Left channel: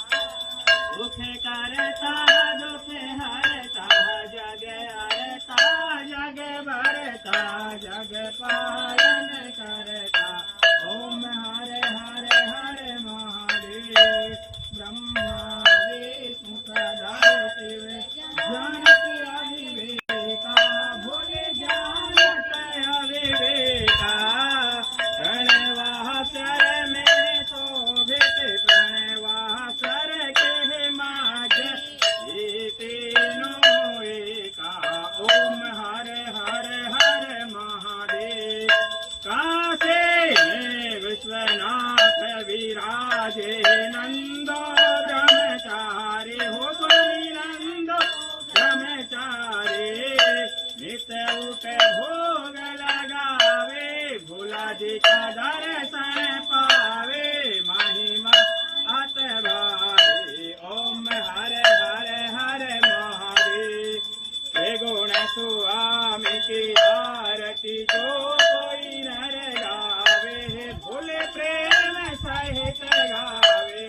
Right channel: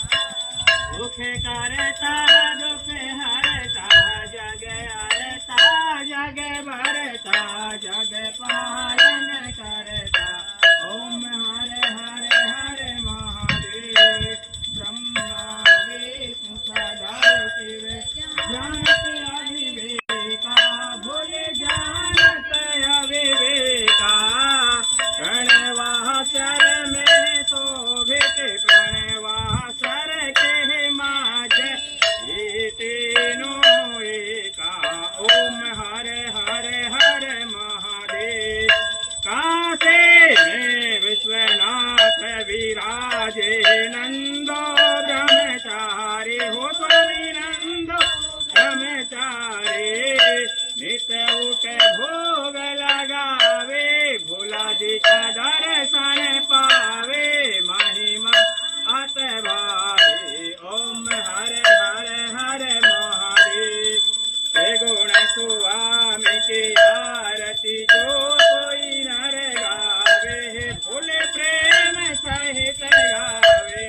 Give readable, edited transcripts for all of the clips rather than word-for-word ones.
दुखे करता दुखे हरता जग हरता जग भरता जग पालन करता ओम हरे हरे हरे महादेव ब्रह्मा विष्णु सदा शिव जानते अविवेका भोले जानते अविवेका प्रणवासर में शोभित प्रणवासर के माज तीनों एका ओम हरे हरे हरे महादेव काशी में विश्वनाथ विराजे नंदो ब्रह्मचारी हो तुलसी नंदो ब्रह्मचारी नित उठ भोग लगावे भोला जी का दर्शन पावे महिमा अत भारी ओम हरे हरे हरे महादेव हे गुण स्वामी की आरती जो कोई नर गावे भोले प्रेम सहित गावे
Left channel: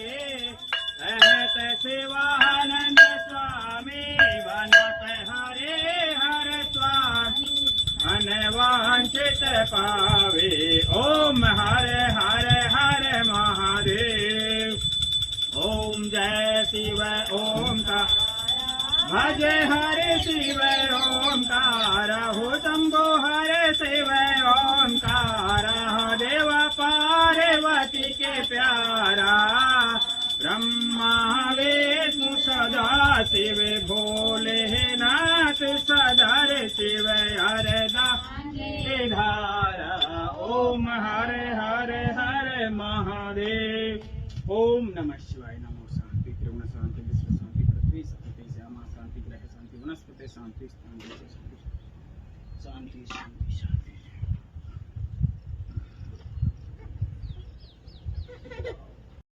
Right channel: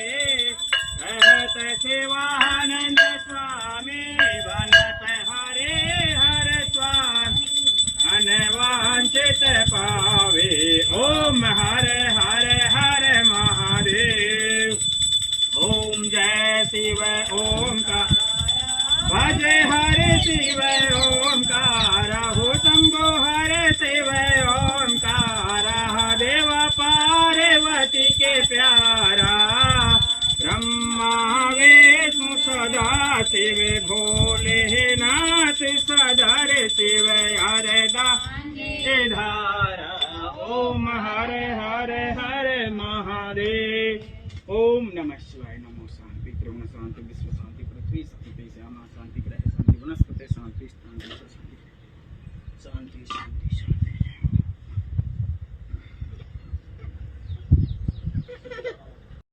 कहत शिवानंद स्वामी बनत हरे हर स्वामी अनवांचित पावे ओम हरे हरे हरे महादेव ओम जय शिव ओंकार भजे हरे शिव ओंकार हो शंभो हरे शिव ओंकार देव पार्वती के प्यारा ब्रह्मा विष्णु सदा शिव भोलेनाथ सदर शिव हरे धारा ओम हरे हरे हरे महादेव ओम नमः शिवाय नमो शांति ब्रह्म शांति विश्व शांति पृथ्वी शांति श्यामा शांति ग्रह शांति वनस्पति शांति शांति शांति शांति शांति